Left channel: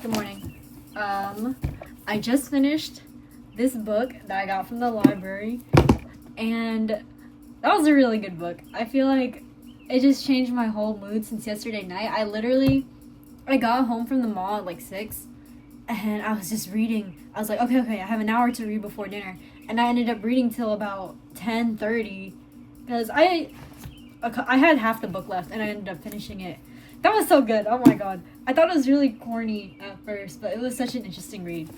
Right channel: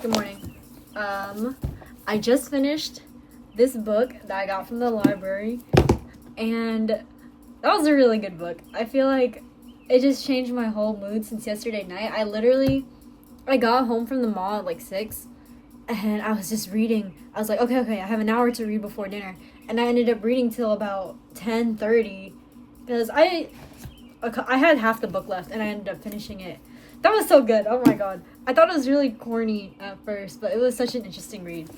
Good morning. I just finished this book that I got from the library, and that was a really good book. I feel like it just changed my whole mood since yesterday night. I got home from the mall at like 6, and I was just reading. I was like, okay, I have an hour to read before dinner, and I ended up reading till about 10:30 because I had half the book left, and I ended up finishing it. That was so good. Oh my god. I thought it was really corny at first, but it was such an interesting read.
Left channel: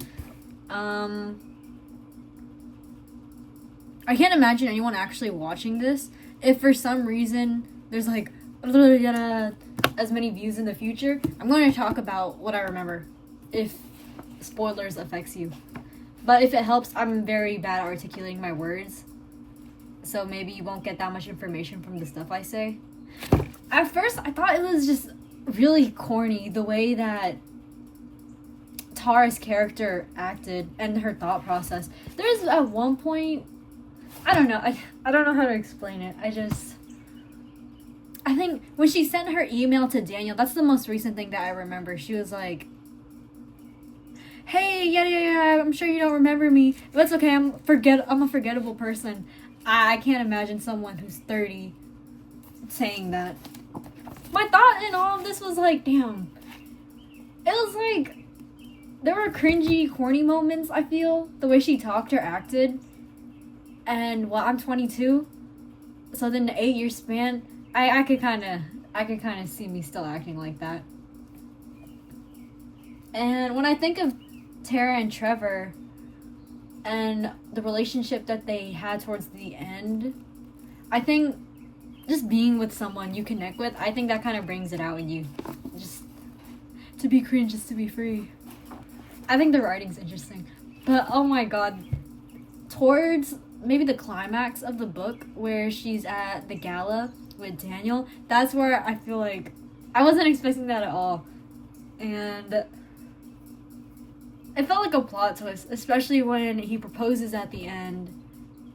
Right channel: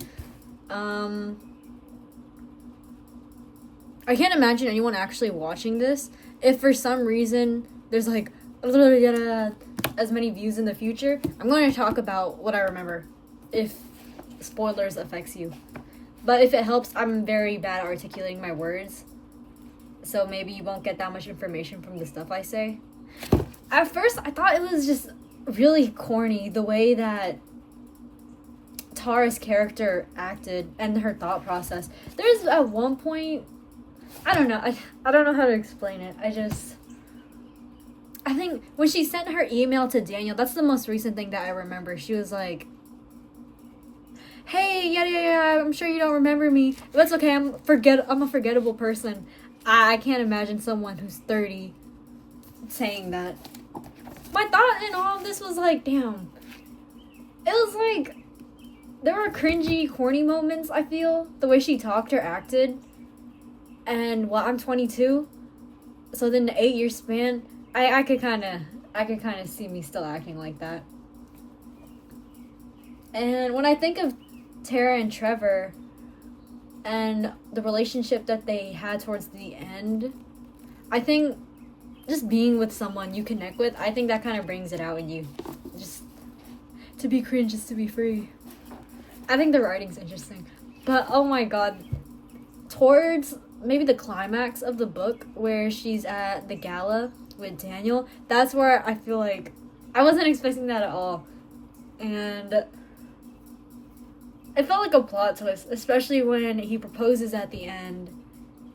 I can't imagine anyone actually watching this if for some reason there's like as many views in the future. I'm going to talk about what I remember if spoilers affects you. But if it helps, I'm very bad at articulating my words. So maybe you won't get that much information from the stuff I say. At first, I thought it was just really corny, the way that Tara's character acted and her thought process. There's at one point, I don't know how to explain it. I think when she sent her email to Daniel, that's the most recent thing that I remember. She was like, hey, yeah, I'm sure you don't remember me. But it's okay, I'm a forgettable person. I can't imagine someone who's 30 saying that. My thought in all of this was like, damn. It was like, there were cringy, corny moments, I feel. The way she talked or acted. And, I'm 22. So then the 8-year span, I could kind of see me still acting like that. And when I think of Tara and Trevor and the relationship that they had towards the end, I think just being with someone you connect with, I think that kind of brings it out in you. Just to be cringe, just to be free. I think the writing's interesting. But oh my god, towards maybe the climax of the book where she's at the gala with Daniel, that's where I feel like I wasn't expecting that at all. And it felt like a plot twist, especially when he proposes at the end.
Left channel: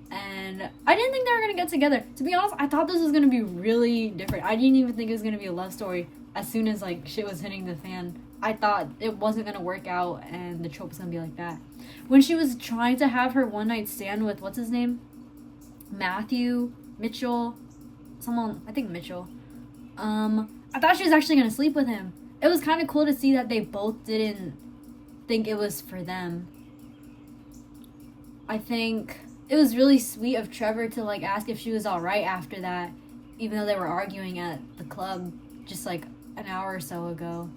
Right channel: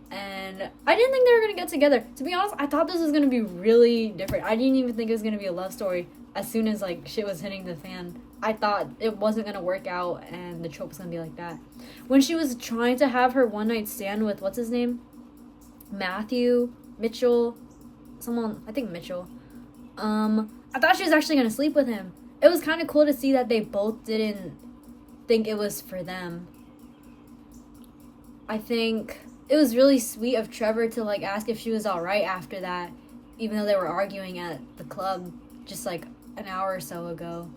And I didn't think they were going to get together. To be honest, I thought this was going to be really different. I didn't even think it was going to be a love story as soon as, like, shit was hitting the fan. I thought it wasn't going to work out and the trope was going to be like that. When she was trying to have her one-night stand with, what's his name? Mitchell. I think Mitchell. I thought she was actually going to sleep with him. It was kind of cool to see that they both didn't think it was for them. I think it was really sweet of Trevor to like ask if she was alright after that, even though they were arguing at the club just like an hour or so ago.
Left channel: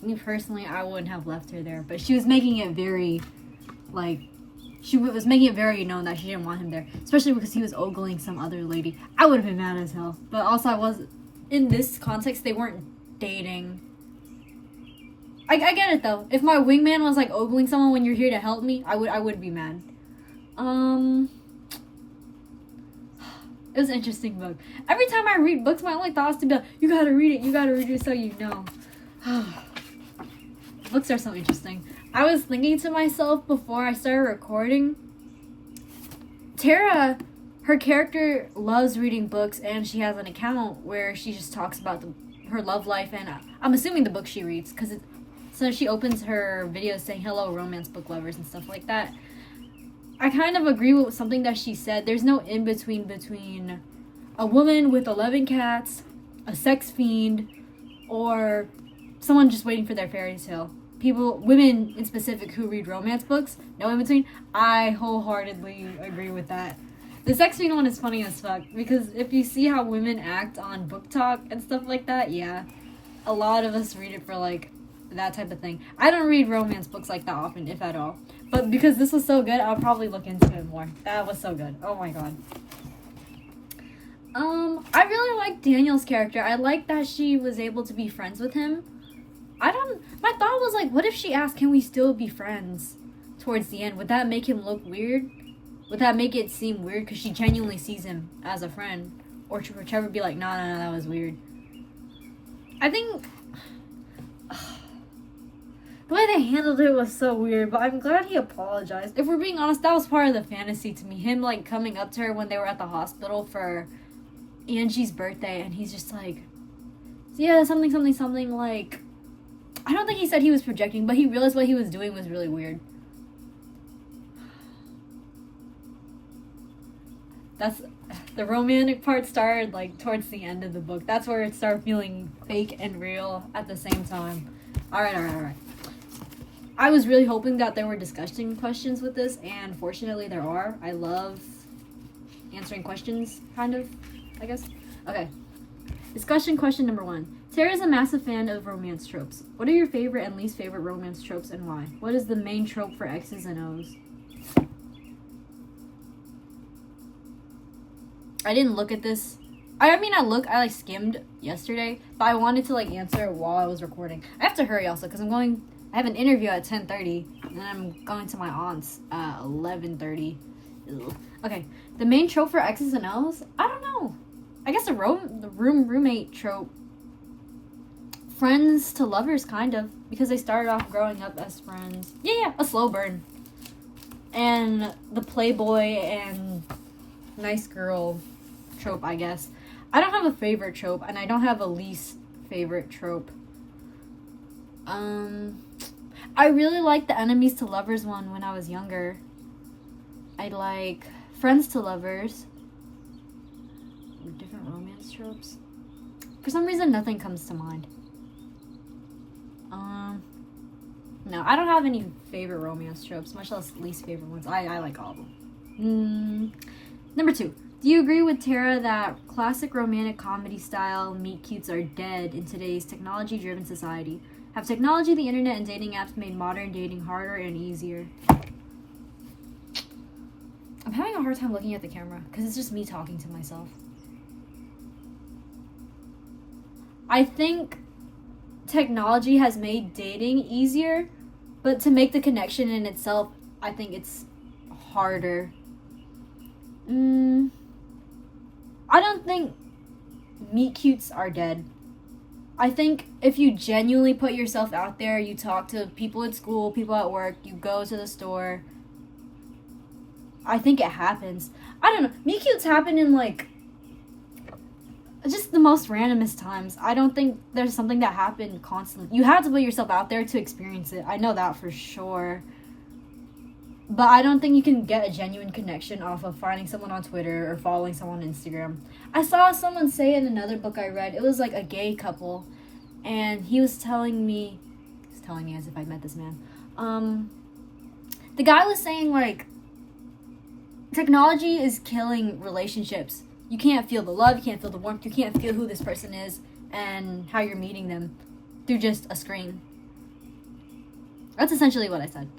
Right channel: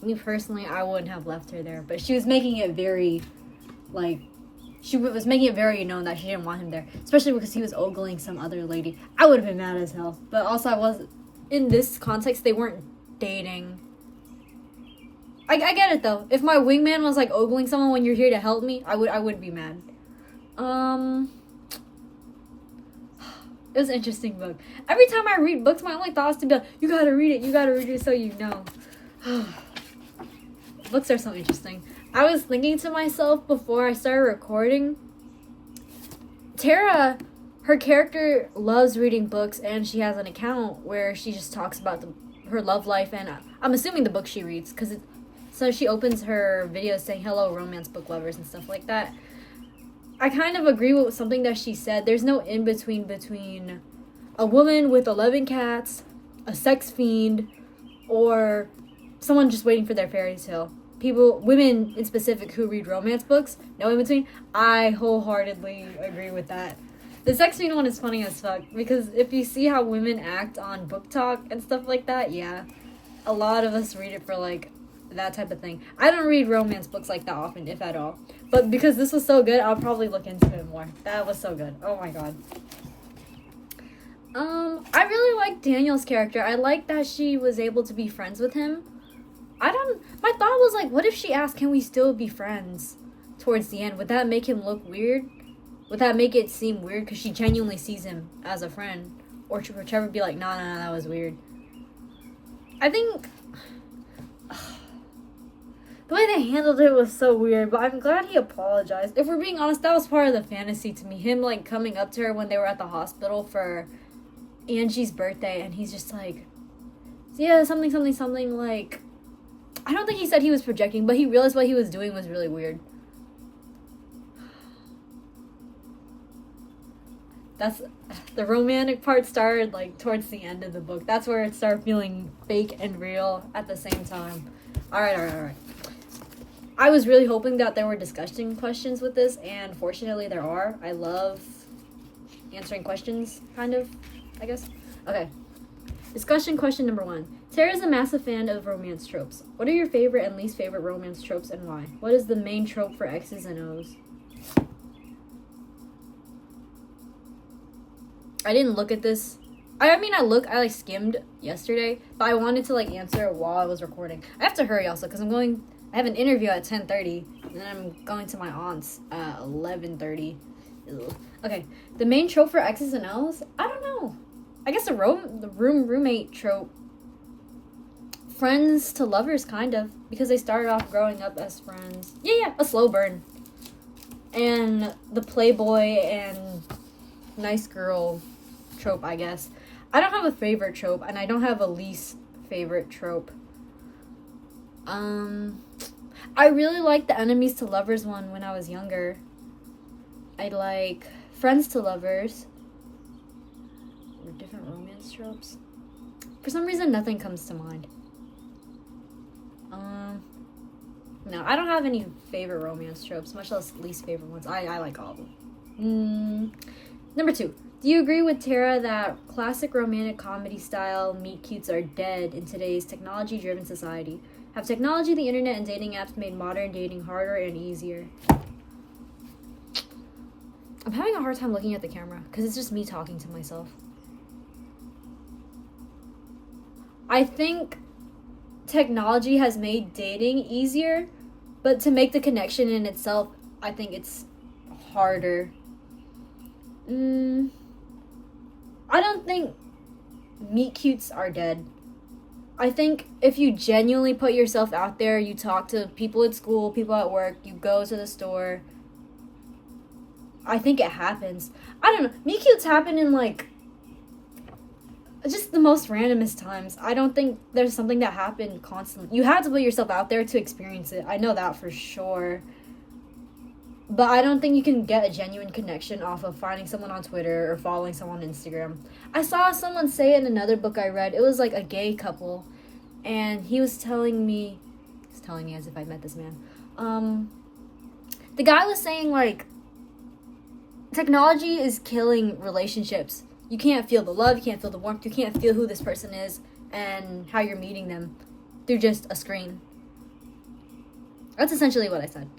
Me personally, I wouldn't have left her there, but she was making it very known that she didn't want him there, especially because he was ogling some other lady. I would have been mad as hell, but also in this context, they weren't dating. I get it though. If my wingman was like ogling someone when you're here to help me, I would be mad. It was an interesting book. Every time I read books, my only thought is to be like, you gotta read it so you know. Books are so interesting. I was thinking to myself before I started recording, Tara, her character loves reading books, and she has an account where she just talks about her love life, and I'm assuming the book she reads, so she opens her videos saying, hello, romance book lovers, and stuff like that. I kind of agree with something that she said. There's no in-between between a woman with 11 cats, a sex fiend, or someone just waiting for their fairy tale. Women in specific who read romance books, no in-between. I wholeheartedly agree with that. The sex fiend one is funny as fuck, because if you see how women act on book talk and stuff like that, yeah, a lot of us read it for like that type of thing. I don't read romance books like that often, if at all. But because this was so good, I'll probably look into it more. That was so good. Oh my god. I really like Daniel's character. I like that she was able to be friends with him. My thought was like, what if she asked, can we still be friends towards the end? Would that make him look weird? Would that make it seem weird? Because she genuinely sees him as a friend. Or would Trevor be like, no, that was weird. I think the way they handled it was so weird, but I'm glad he apologized. If we're being honest, that was part of the fantasy to me. Him, like, coming up to her when they were at the hospital for Angie's birthday, and he's just like, yeah, something, like, I don't think he said he was projecting, but he realized what he was doing was really weird. That's the romantic part started like towards the end of the book. That's where it started feeling fake and real at the same time. All right. I was really hoping that there were discussion questions with this, and fortunately there are. I love answering questions, kind of, I guess. Okay. Discussion question number 1. Tara is a massive fan of romance tropes. What are your favorite and least favorite romance tropes and why? What is the main trope for X's and O's? I didn't look at this. I skimmed yesterday, but I wanted to answer while I was recording. I have to hurry also because I have an interview at 10:30 and then I'm going to my aunt's at 11:30. Okay, the main trope for X's and O's? I don't know. I guess the roommate trope. Friends to lovers, kind of, because they started off growing up as friends. Yeah, a slow burn. And the playboy and nice girl trope, I guess. I don't have a favorite trope, and I don't have a least favorite trope. I really liked the enemies to lovers one when I was younger. I like friends to lovers. Or different romance tropes. For some reason, nothing comes to mind. No, I don't have any favorite romance tropes, much less least favorite ones. I like all of them. Number 2. Do you agree with Tara that classic romantic comedy style meet cutes are dead in today's technology-driven society? Have technology, the internet, and dating apps made modern dating harder and easier? I'm having a hard time looking at the camera because it's just me talking to myself. I think technology has made dating easier, but to make the connection in itself, I think it's harder. I don't think meet cutes are dead. I think if you genuinely put yourself out there, you talk to people at school, people at work, you go to the store, I think it happens. I don't know. Meet cutes happen in just the most randomest times. I don't think there's something that happened constantly. You have to put yourself out there to experience it. I know that for sure. But I don't think you can get a genuine connection off of finding someone on Twitter or following someone on Instagram. I saw someone say in another book I read, it was like a gay couple, and he was telling me as if I met this man. The guy was saying technology is killing relationships. You can't feel the love, you can't feel the warmth, you can't feel who this person is and how you're meeting them through just a screen. That's essentially what I said.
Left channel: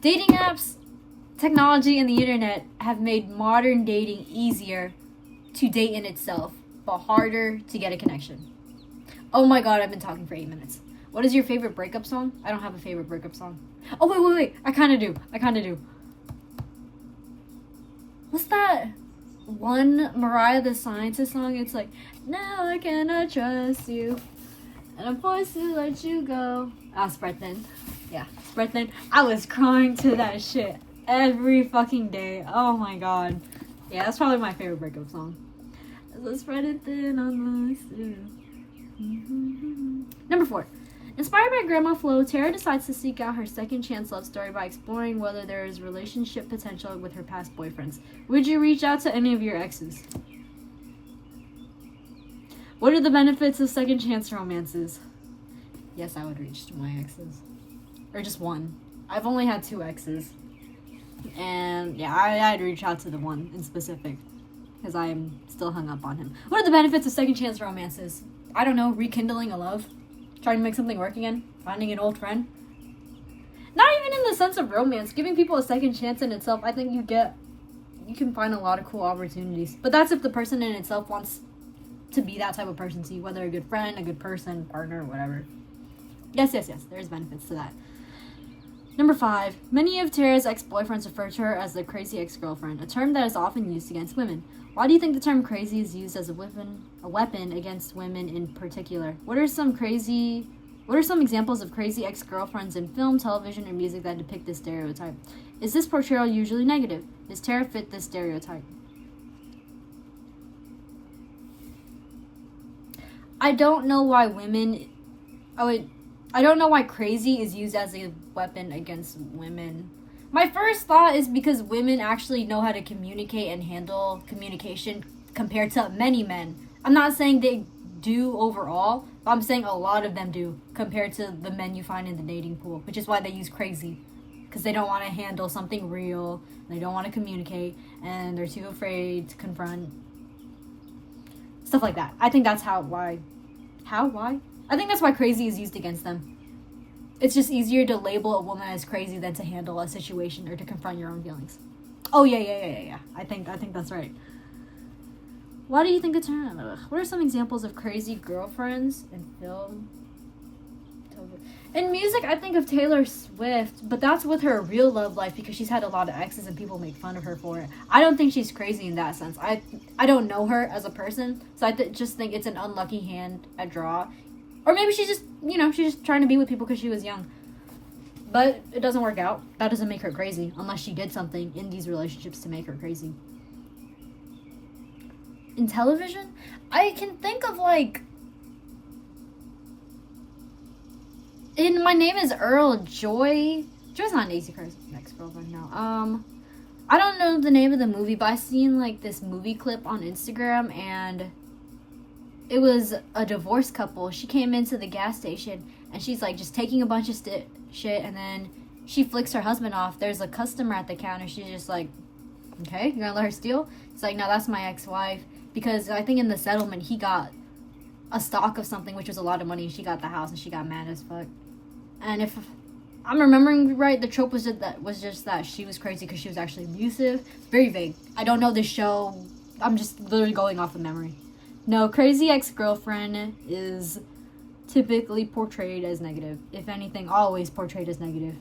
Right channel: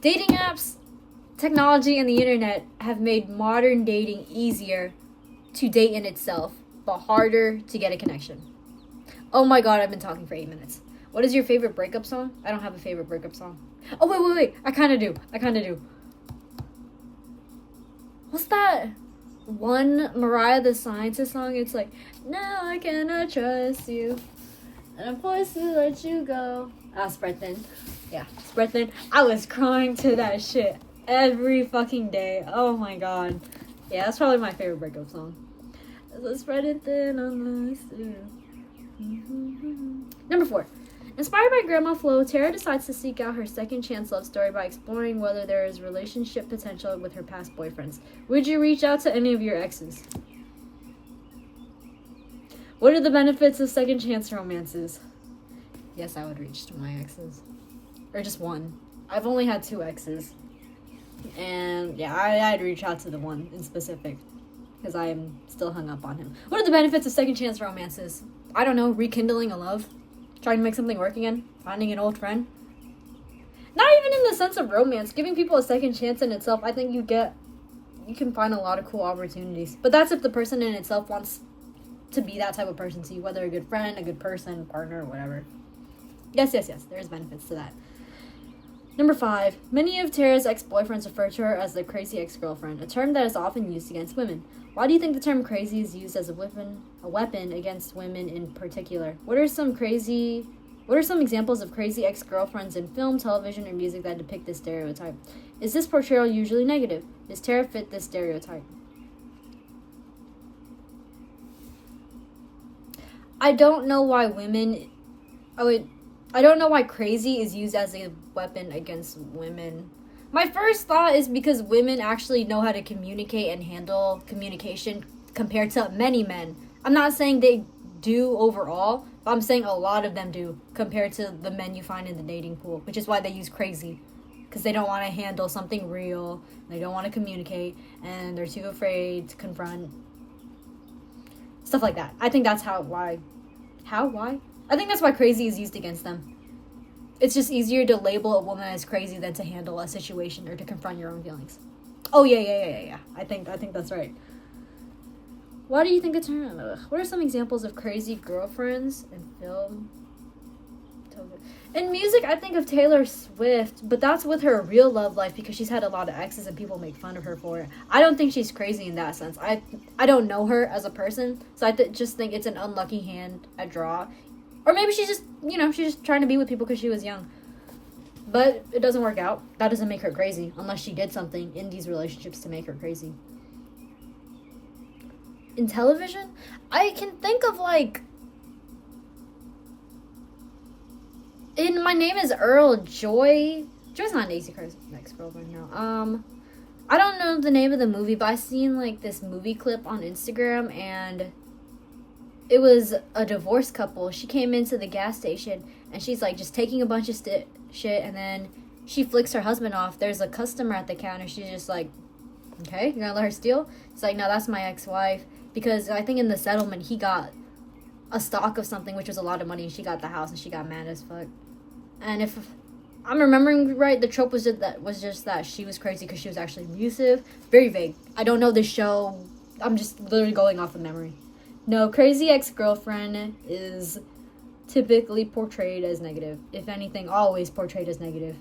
Dating apps, technology, and the internet have made modern dating easier to date in itself, but harder to get a connection. Oh my god, I've been talking for 8 minutes. What is your favorite breakup song? I don't have a favorite breakup song. Oh, wait. I kind of do. What's that one Mariah the Scientist song? It's like, now I cannot trust you, and I'm forced to let you go. Spread Thin. Yeah, Spread Thin. I was crying to that shit every fucking day. Oh my god. Yeah, that's probably my favorite breakup song. Spread it thin on the Number 4. Inspired by Grandma Flo, Tara decides to seek out her second chance love story by exploring whether there is relationship potential with her past boyfriends. Would you reach out to any of your exes? What are the benefits of second chance romances? Yes, I would reach to my exes. Or just one. I've only had 2 exes. And yeah, I'd reach out to the one in specific. Because I'm still hung up on him. What are the benefits of second chance romances? I don't know, rekindling a love. Trying to make something work again. Finding an old friend. Not even in the sense of romance. Giving people a second chance in itself, I think you can find a lot of cool opportunities. But that's if the person in itself wants to be that type of person to you. Whether a good friend, a good person, partner, whatever. Yes. There's benefits to that. Number 5. Many of Tara's ex-boyfriends refer to her as the crazy ex-girlfriend, a term that is often used against women. Why do you think the term crazy is used as a weapon against women in particular? What are some examples of crazy ex-girlfriends in film, television, or music that depict this stereotype? Is this portrayal usually negative? Does Tara fit this stereotype? I don't know why I don't know why crazy is used as a weapon against women. My first thought is because women actually know how to communicate and handle communication compared to many men. I'm not saying they do overall, but I'm saying a lot of them do compared to the men you find in the dating pool, which is why they use crazy. Because they don't want to handle something real, they don't want to communicate, and they're too afraid to confront. Stuff like that. I think that's why? I think that's why crazy is used against them. It's just easier to label a woman as crazy than to handle a situation or to confront your own feelings. Oh, yeah. I think that's right. Why do you think it's what are some examples of crazy girlfriends in film? In music, I think of Taylor Swift, but that's with her real love life because she's had a lot of exes and people make fun of her for it. I don't think she's crazy in that sense. I don't know her as a person, so I just think it's an unlucky hand at draw. Or maybe she's just, she's just trying to be with people because she was young. But it doesn't work out. That doesn't make her crazy unless she did something in these relationships to make her crazy. In television, I can think of in My Name is Earl, Joy's not Nancy Kerr's ex-girlfriend, no. I don't know the name of the movie, but I seen this movie clip on Instagram, and it was a divorced couple. She came into the gas station and she's just taking a bunch of shit, and then she flicks her husband off. There's a customer at the counter. She's just okay, you're gonna let her steal? It's no, that's my ex-wife, because I think in the settlement he got a stock of something, which was a lot of money, and she got the house and she got mad as fuck. And if I'm remembering right, the trope was just that she was crazy because she was actually abusive. Very vague. I don't know this show. I'm just literally going off of memory. No, crazy ex-girlfriend is typically portrayed as negative. If anything, always portrayed as negative.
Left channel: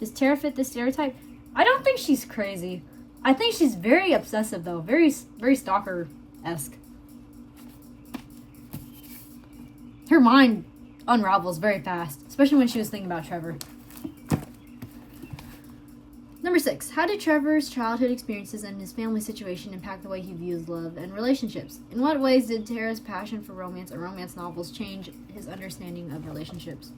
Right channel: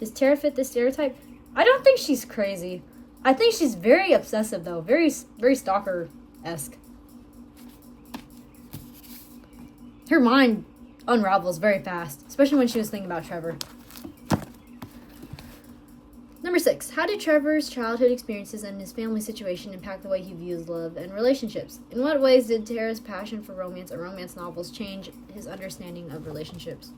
Does Tara fit this stereotype? I don't think she's crazy. I think she's very obsessive, though. Very, very stalker-esque. Her mind unravels very fast, especially when she was thinking about Trevor. Number 6. How did Trevor's childhood experiences and his family situation impact the way he views love and relationships? In what ways did Tara's passion for romance and romance novels change his understanding of relationships?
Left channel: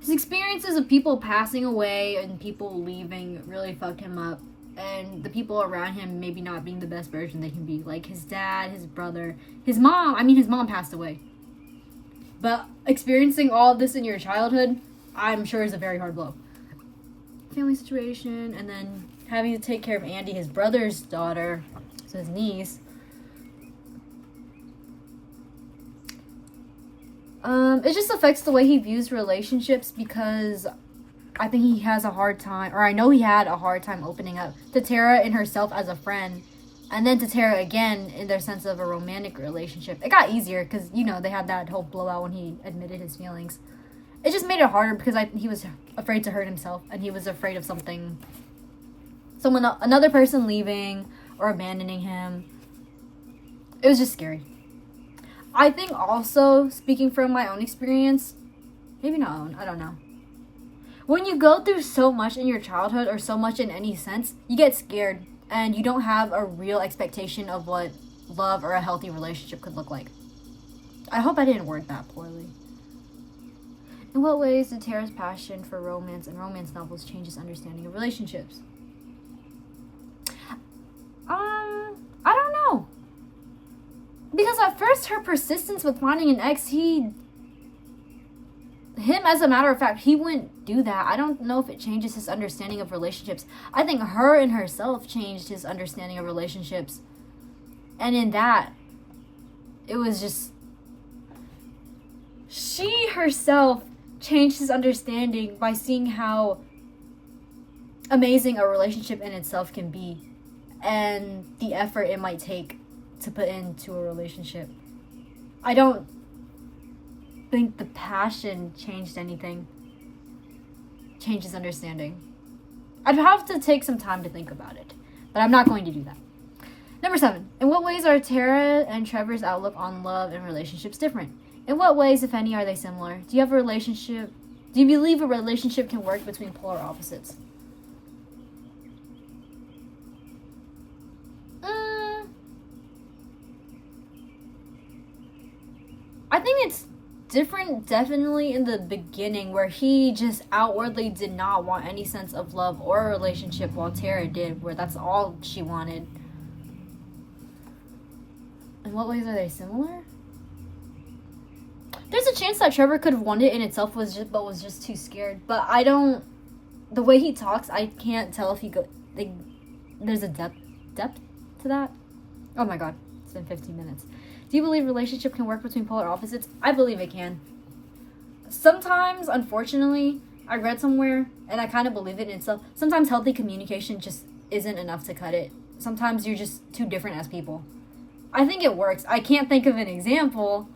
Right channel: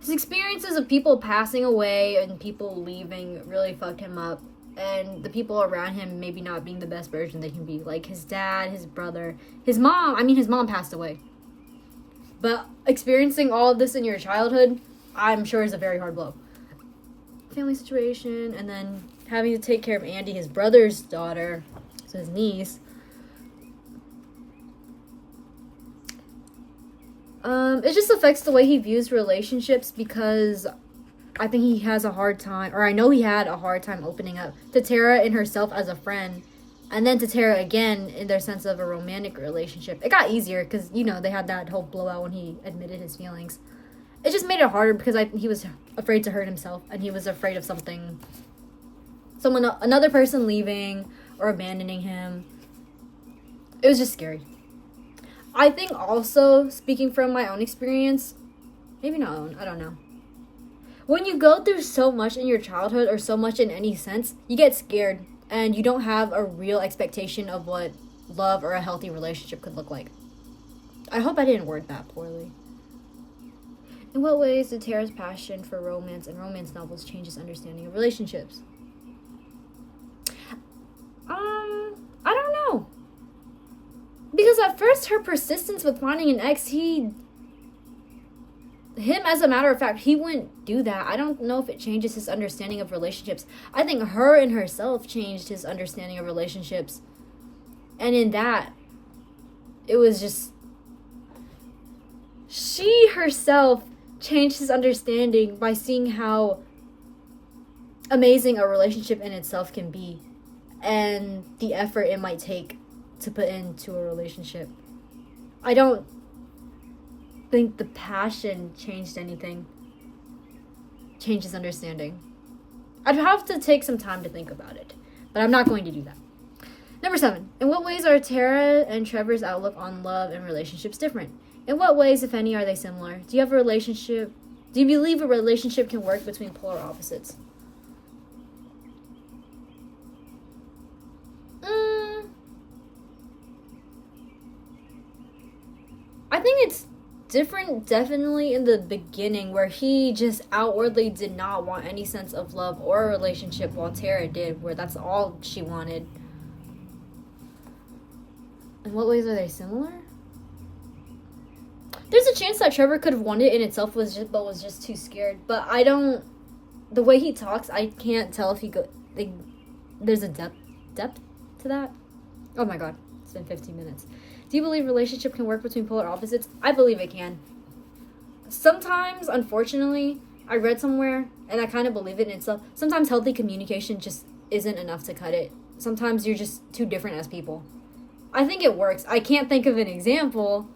His experiences of people passing away and people leaving really fucked him up. And the people around him maybe not being the best version they can be. Like his dad, his brother, his mom. I mean, his mom passed away. But experiencing all of this in your childhood, I'm sure is a very hard blow. Family situation, and then having to take care of Andy, his brother's daughter, so his niece. It just affects the way he views relationships because I think he has a hard time, or I know he had a hard time opening up to Tara and herself as a friend, and then to Tara again in their sense of a romantic relationship. It got easier because, they had that whole blowout when he admitted his feelings. It just made it harder because he was afraid to hurt himself, and he was afraid of another person leaving or abandoning him. It was just scary. I think also, speaking from my own experience, maybe not own, I don't know. When you go through so much in your childhood or so much in any sense, you get scared and you don't have a real expectation of what love or a healthy relationship could look like. I hope I didn't word that poorly. In what ways did Tara's passion for romance and romance novels change his understanding of relationships? I don't know. Because at first her persistence with finding an ex, him as a matter of fact, he wouldn't do that. I don't know if it changes his understanding of relationships. I think her and herself changed his understanding of relationships. And in that, it was just, she herself changed his understanding by seeing how amazing a relationship in itself can be and the effort it might take to put into a relationship. I don't think the passion changed anything. Changed his understanding. I'd have to take some time to think about it, but I'm not going to do that. Number 7. In what ways are Tara and Trevor's outlook on love and relationships different? In what ways, if any, are they similar? Do you believe a relationship can work between polar opposites? I think it's different definitely in the beginning, where he just outwardly did not want any sense of love or a relationship, while Tara did, where that's all she wanted. In what ways are they similar? There's a chance that Trevor could have won it in itself, was just too scared. But I don't. The way he talks, I can't tell if he there's a depth to that. Oh my god, it's been 15 minutes. Do you believe relationship can work between polar opposites? I believe it can. Sometimes, unfortunately, I read somewhere, and I kind of believe it in itself. Sometimes healthy communication just isn't enough to cut it. Sometimes you're just too different as people. I think it works. I can't think of an example.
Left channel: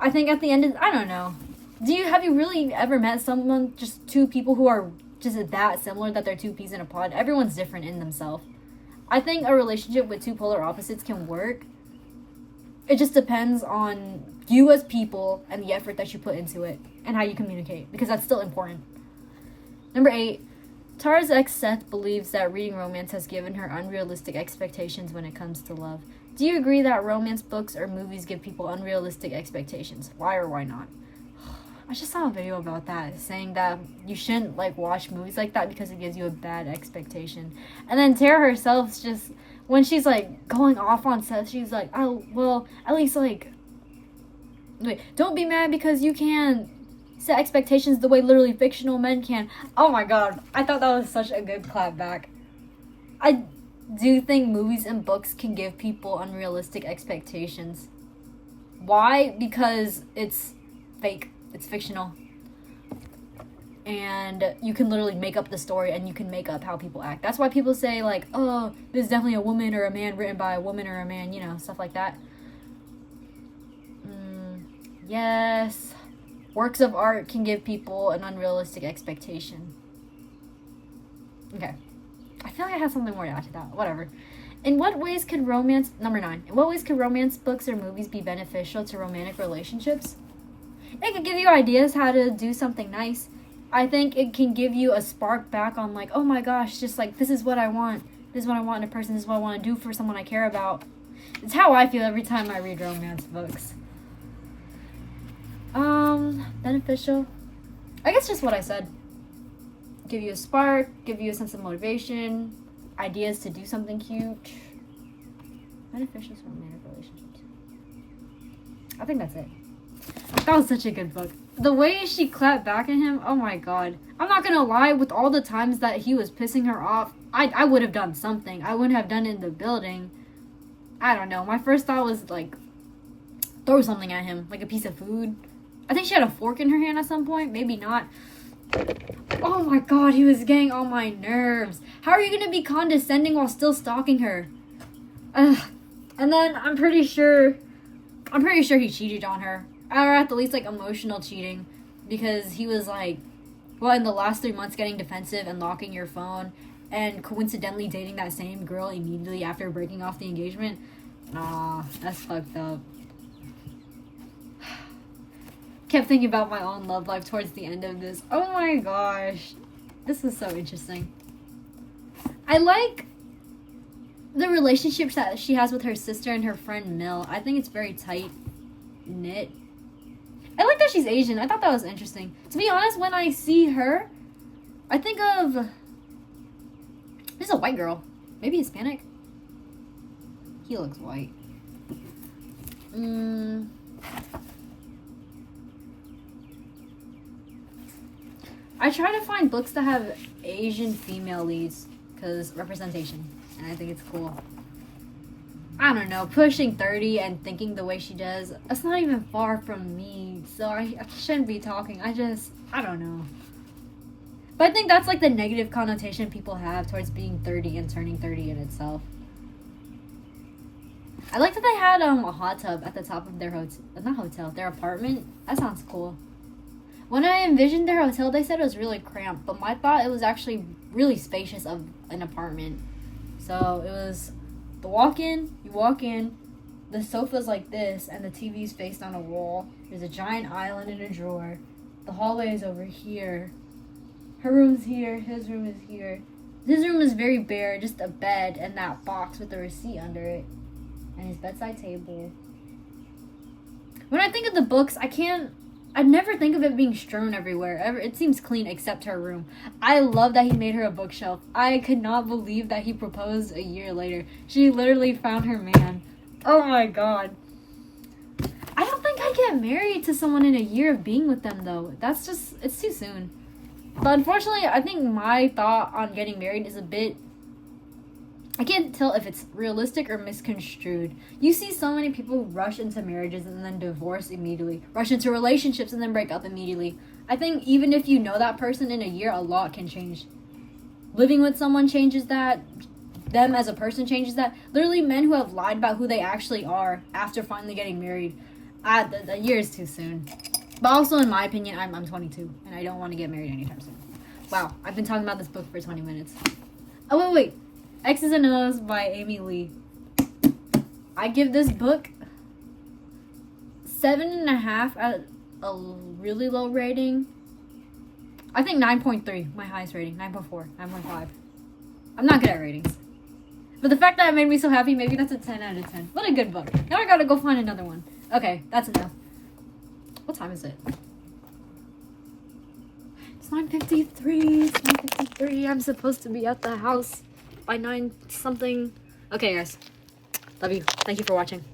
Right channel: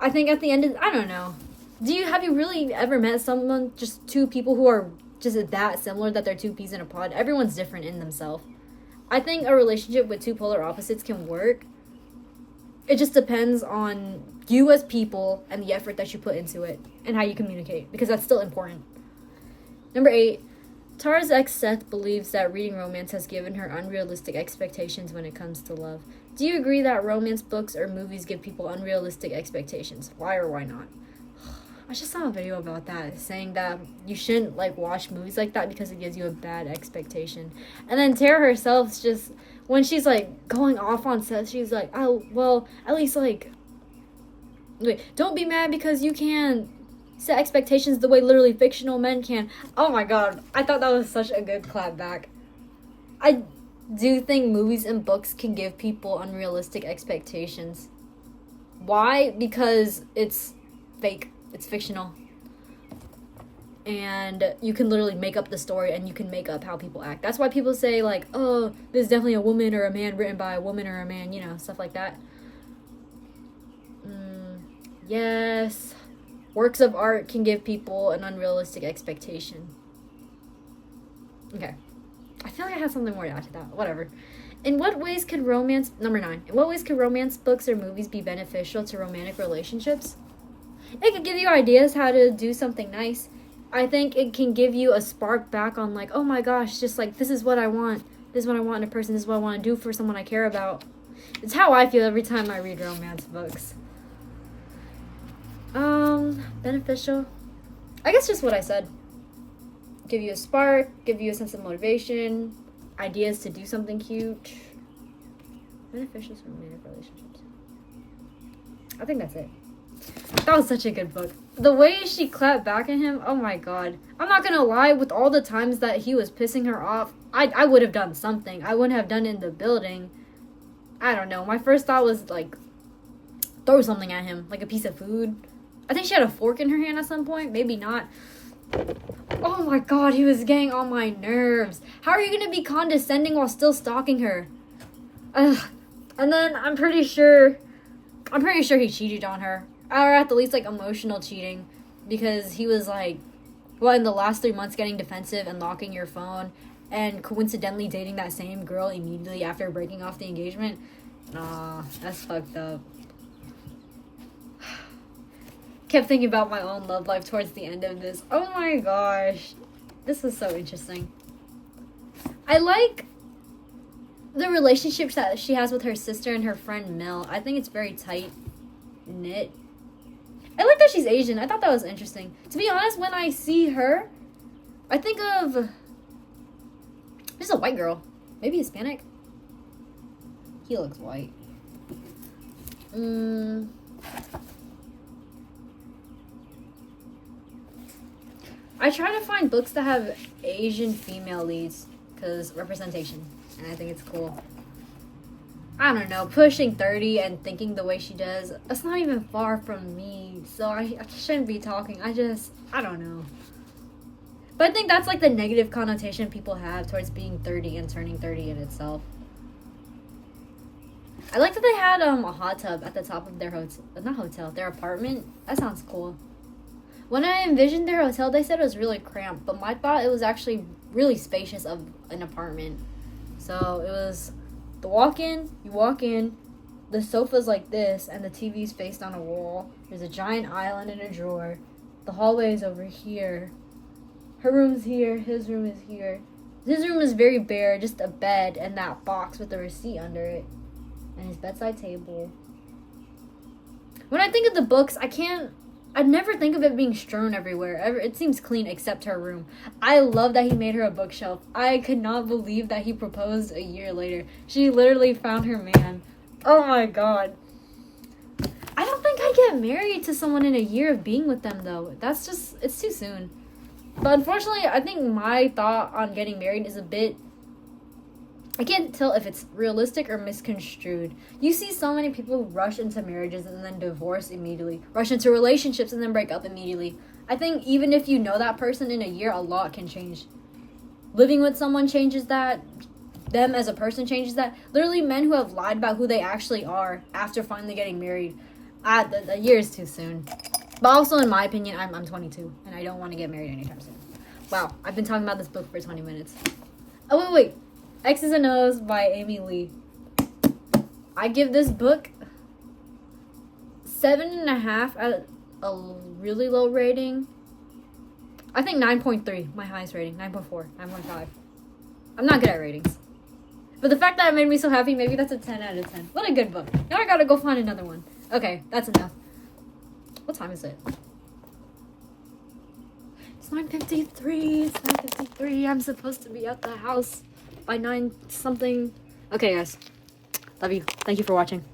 I think at the end of, I don't know. Have you really ever met someone, just two people who are just that similar that they're two peas in a pod? Everyone's different in themselves. I think a relationship with two polar opposites can work. It just depends on you as people and the effort that you put into it and how you communicate, because that's still important. Number 8, Tara's ex Seth believes that reading romance has given her unrealistic expectations when it comes to love. Do you agree that romance books or movies give people unrealistic expectations? Why or why not? I just saw a video about that, saying that you shouldn't watch movies like that because it gives you a bad expectation. And then Tara herself, just when she's going off on Seth, she's like, oh well, at least wait, don't be mad because you can't set expectations the way literally fictional men can. Oh my god, I thought that was such a good clap back. I do think movies and books can give people unrealistic expectations. Why? Because it's fake. It's fictional. And you can literally make up the story, and you can make up how people act. That's why people say, oh, this is definitely a woman or a man written by a woman or a man, stuff like that. Yes. Works of art can give people an unrealistic expectation. Okay. I feel like I have something more to add to that. Whatever. In what ways could number 9, in what ways could romance books or movies be beneficial to romantic relationships? It could give you ideas how to do something nice. I think it can give you a spark back on oh my gosh, just this is what I want. This is what I want in a person. This is what I want to do for someone I care about. It's how I feel every time I read romance books. Beneficial. I guess just what I said. Give you a spark, give you a sense of motivation, ideas to do something cute. Beneficial for romantic relationships. I think that's it. That was such a good book. The way she clapped back at him, oh my god. I'm not gonna lie, with all the times that he was pissing her off, I would have done something. I wouldn't have done it in the building. I don't know. My first thought was throw something at him, a piece of food. I think she had a fork in her hand at some point. Maybe not. Oh my god, he was getting on my nerves. How are you gonna be condescending while still stalking her? Ugh. And then I'm pretty sure he cheated on her. Or at the least emotional cheating, because he was in the last 3 months getting defensive and locking your phone, and coincidentally dating that same girl immediately after breaking off the engagement. That's fucked up. Kept thinking about my own love life towards the end of this. Oh my gosh, this is so interesting. I like the relationships that she has with her sister and her friend Mill. I think it's very tight knit. I like that she's Asian. I thought that was interesting. To be honest, when I see her, I think of... There's a white girl. Maybe Hispanic? He looks white. I try to find books that have Asian female leads, because representation. And I think it's cool. I don't know, pushing 30 and thinking the way she does, that's not even far from me, so I shouldn't be talking. I don't know. But I think that's the negative connotation people have towards being 30 and turning 30 in itself. I like that they had a hot tub at the top of their their apartment. That sounds cool. When I envisioned their hotel, they said it was really cramped, but my thought it was actually really spacious of an apartment. So it was... you walk in, the sofa's like this, and the TV's faced on a wall. There's a giant island in a drawer. The hallway is over here. Her room's here, his room is here. His room is very bare, just a bed and that box with the receipt under it. And his bedside table. When I think of the books, I'd never think of it being strewn everywhere. It seems clean except her room. I love that he made her a bookshelf. I could not believe that he proposed a year later. She literally found her man. Oh my god. I don't think I'd get married to someone in a year of being with them, though. It's too soon. But unfortunately, I think my thought on getting married is a bit... I can't tell if it's realistic or misconstrued. You see so many people rush into marriages and then divorce immediately. Rush into relationships and then break up immediately. I think even if you know that person in a year, a lot can change. Living with someone changes that. Them as a person changes that. Literally, men who have lied about who they actually are after finally getting married. The year is too soon. But also, in my opinion, I'm 22. And I don't want to get married anytime soon. Wow, I've been talking about this book for 20 minutes. Oh, wait. Exes and O's by Amy Lea. I give this book 7.5 at a really low rating. I think 9.3, my highest rating. 9.4, 9.5. I'm not good at ratings. But the fact that it made me so happy, maybe that's a 10 out of 10. What a good book. Now I gotta go find another one. Okay, that's enough. What time is it? It's 9:53. It's 9:53. I'm supposed to be at the house by 9 something. Okay, guys. Love you. Thank you for watching.